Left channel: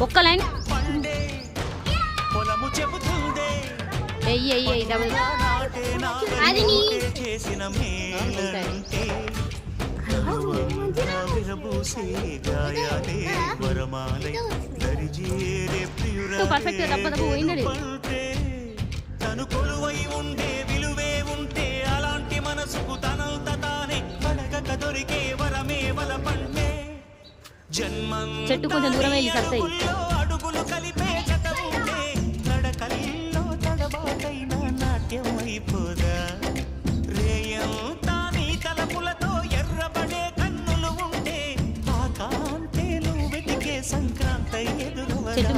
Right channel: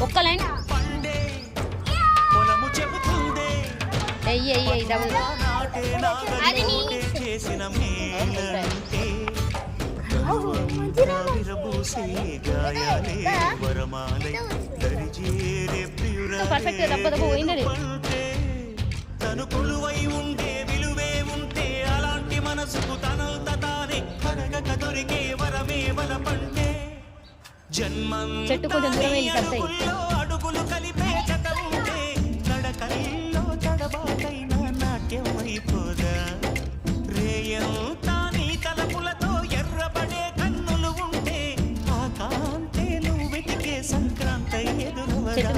ఒక్క లైన్ చేసిన మేలంటే విరబూసే గాయాలే వరమాలై దరిజేరే ప్రియురంటే తను కొలువై ఉండే విలువే ఉంటే అలాంటి మనసుకు తనంత తానే అడగక దొరికే వరమే వలపంటే జన్మంలో అడుగులు కలిపే జత ఉంటే నడకల్లో తడబాటైన నాట్యం అయిపోదా రేయంతా నీ తలపులతో ఎర్రబడే కన్నులు ఉంటే ఆ కాంతే నువ్వు వెతికే సంక్రాంతి ఎదురవదా